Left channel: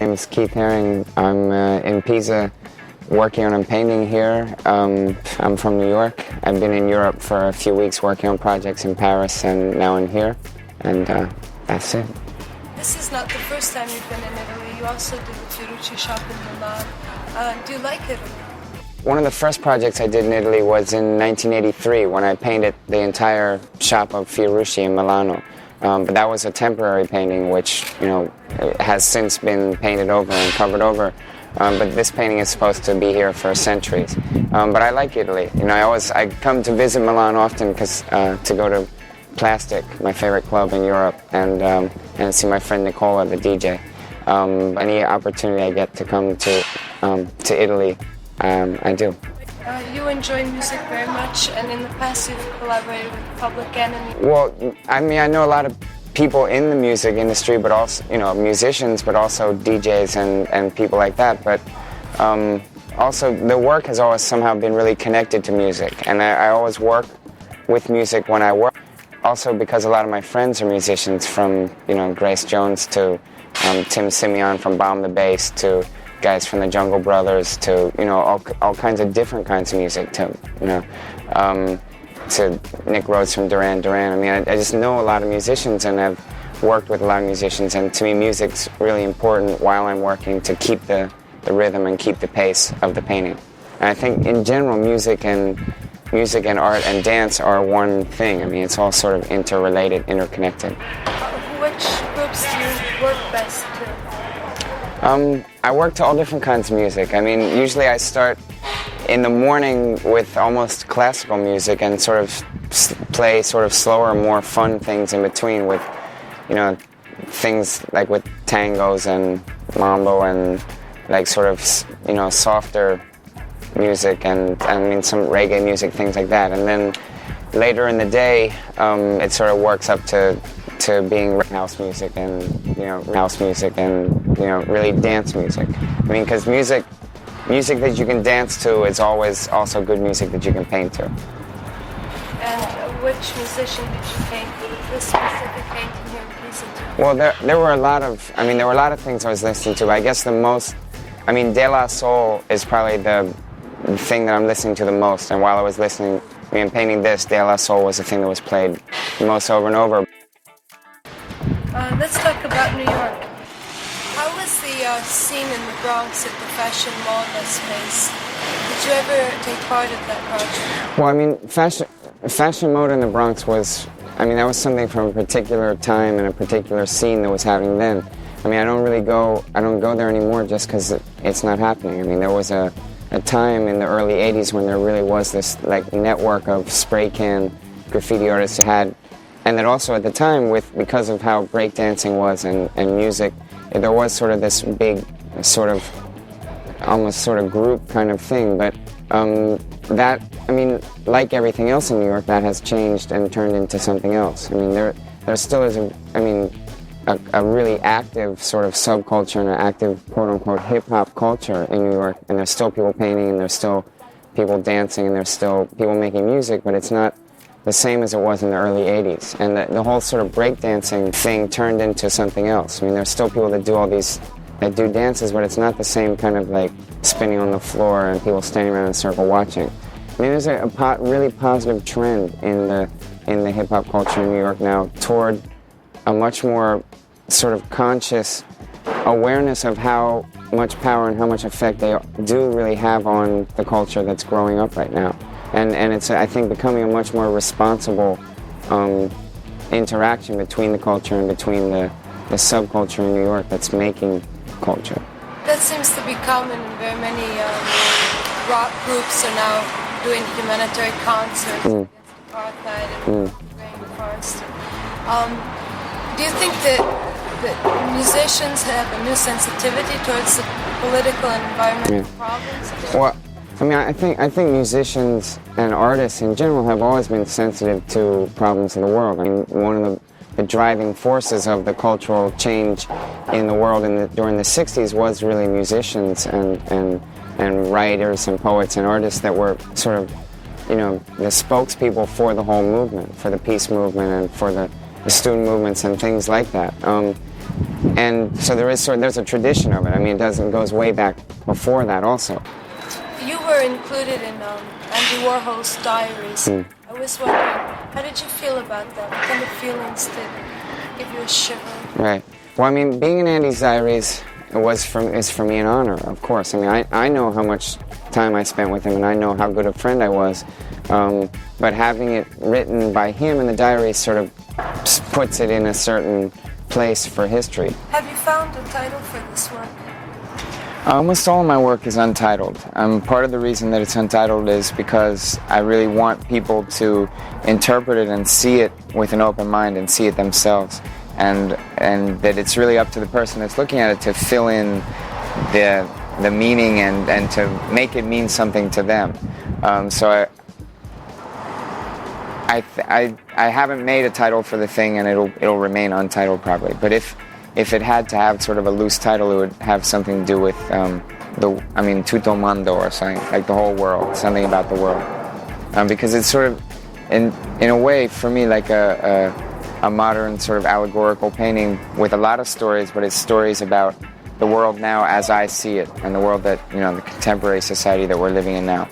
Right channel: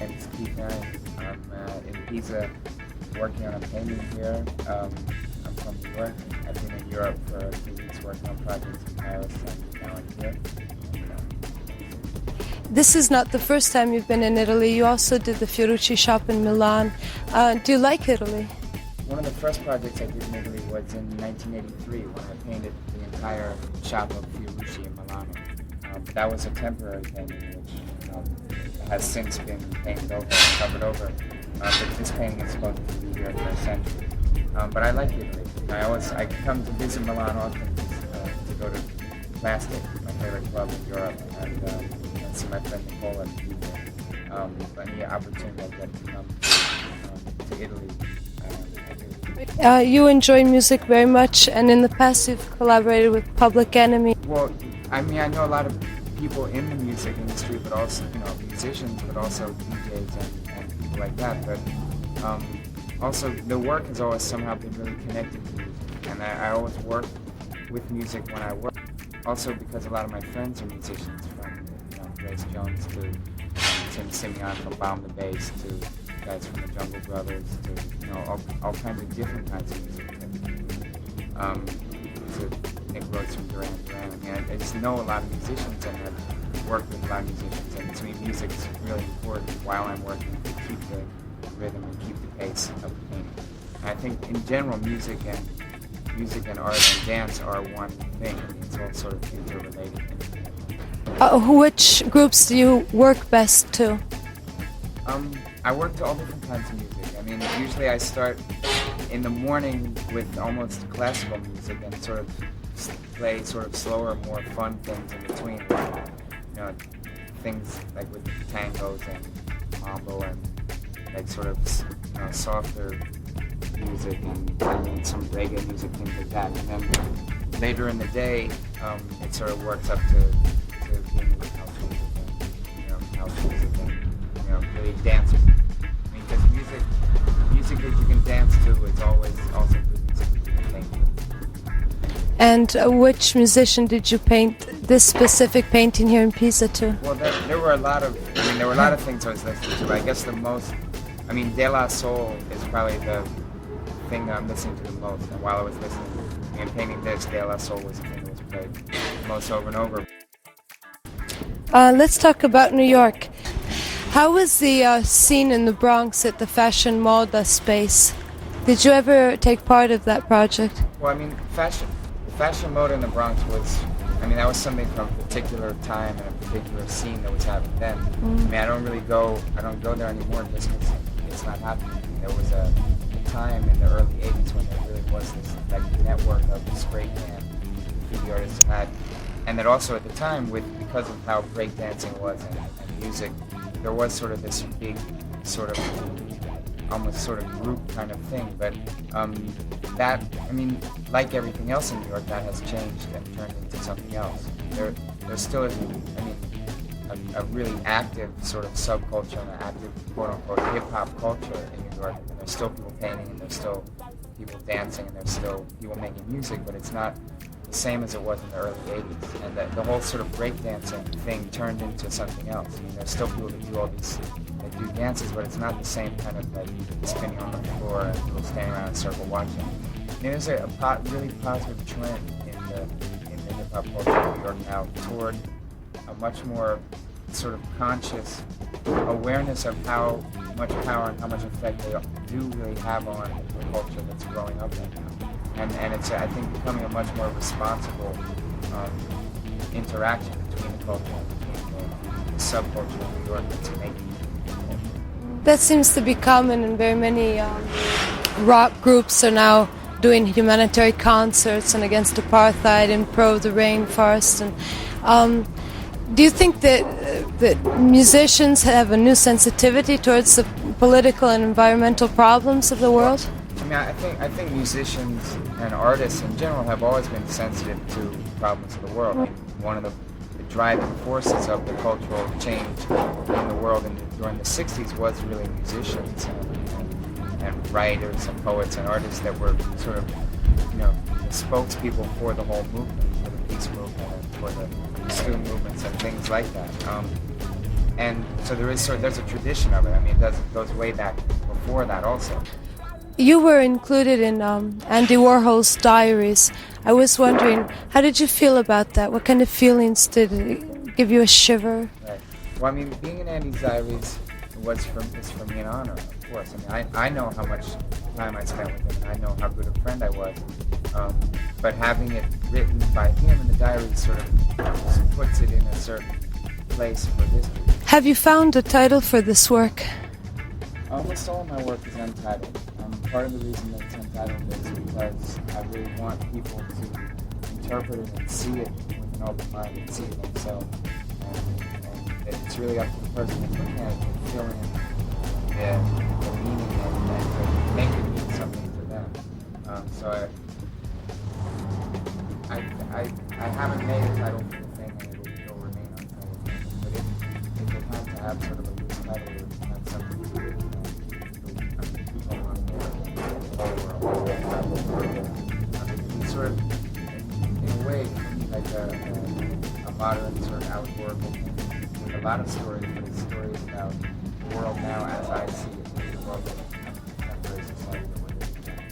My name is Keith Haring. I'm in Pisa working on a painting here. I'm from New York. I've been in Europe for a few weeks working on projects in Paris, and now I'm here, and that's it. This is not the first time you've been in Italy. You also did the Fiorucci shop in Milan. Do you like Italy? One of the first projects I did in Italy was in 1983 when I painted the entire shop of Fiorucci in Milano. But that was a temporary painting, which, you know, has since been painted over and covered over. But this painting is supposed to be here for centuries. But I like Italy. You know, I come to visit Milan often because to go to Plastic, my favorite club in Europe, and see my friend Nicola, the DJ. Any opportunity I get to come to Italy, I do. You enjoy music very much, and in the past you've collaborated with Public Enemy. Well, I mean, I know a lot of people in the music industry, but also, you know, musicians, but also DJs and people like that. But also, the work has always somehow been really connected to music, and I always work with music when I work. Also, because a lot of my friends are musicians, from, you know, Grace Jones to Tim Simeon from Bomb the Bass to guys from the Jungle Brothers to, you know, all kinds of different kinds of music, to, you know, to Nick Rhodes from Duran Duran. I mean, I just know a lot of musicians, and I've worked with a lot of musicians, and to me music's really important while I'm working to keep the rhythm and keep the pace of the painting. And I think in general music and art and dance are one thing. I mean, it's all sort of interrelated, interconnected. Which groups do you work best to? I work to all different kinds of music. I mean, usually I start in the morning with almost classical music and sort of play sort of slower, more fun things in between with, you know, things like with tangos and mambo and like sort of, you know, softer music and I mean some reggae music, things like that. And then later in the day, it sort of works up to being house music and, you know, really dance music. I mean, because music that you can dance to is always also good music that you can paint to. And which musician did you paint this specific painting here in Pisa to? Well, there were a lot of things I was listening to. I guess De La Soul is probably the thing that I'm listening to the most. And while I was listening, painting this, De La Soul was the thing that was played the most over and over. Let's talk about New York. How was the scene in the Bronx at the Fashion Moda space? Did you ever take part of that project? Well, I mean, fashion mode in the Bronx was, I mean, that was something from a particular time and a particular scene that was happening then. I mean, I don't go there anymore just because it's not happening. I mean, there was a time in the early 80s when there really was this like network of spray can graffiti artists that had, and that also at the time, because of how breakdancing was and music, there was sort of this big sort of almost sort of group kind of thing. But that, I mean, like everything else in New York, that has changed and turned into something else. I mean, there still is a really active sort of subculture and an active quote-unquote hip-hop culture in New York, and there's still people painting, and there's still people dancing, and there's still people making music, but it's not the same as it was in the early 80s. And the whole sort of breakdancing thing turned into something else. I mean, there's still people that do dances, but it's not the same kind of like spinning on the floor and people standing around in a circle watching. I mean, there's a really positive trend in the hip-hop culture in New York now toward a much more sort of conscious awareness of how much power and how much effect they do really have on the culture that's growing up right now. And it's, I think, becoming a much more responsible interaction between the culture and between the subculture in New York that's making culture. That seems to be common in very many rock groups are now doing humanitarian concerts and against apartheid and pro the rainforest. And do you think that musicians have a new sensitivity towards the political and environmental problems of the world? I mean, I think musicians and artists in general have always been sensitive to problems in the world. I mean, one of the driving forces of the cultural change in the world during the 60s was really musicians and writers and poets and artists that were sort of, you know, the spokespeople for the whole movement, for the peace movement and for the student movements and things like that. And so there's a tradition of it. I mean, it goes way back before that also. You were included in Andy Warhol's diaries. I was wondering, how did you feel about that? What kind of feelings did it give you a shiver? Right. Well, I mean, being in Andy's diaries is for me an honor, of course. I mean, I know how much time I spent with him, and I know how good a friend I was. But having it written by him in the diaries sort of puts it in a certain place for history. Have you found a title for this work? Almost all of my work is untitled. Part of the reason that it's untitled is because I really want people to interpret it and see it with an open mind and see it themselves. And that it's really up to the person that's looking at it to fill in the meaning and to make it mean something to them. So I haven't made a title for the thing, and it'll remain untitled probably. But if it had to have sort of a loose title, it would have something to do with TuttoMondo or something, like the whole world, something about the world. Because it's sort of, in a way, for me, like a modern sort of allegorical painting with a lot of stories, but it's stories about the world now as I see it, and the world that, the contemporary society that we're living in now.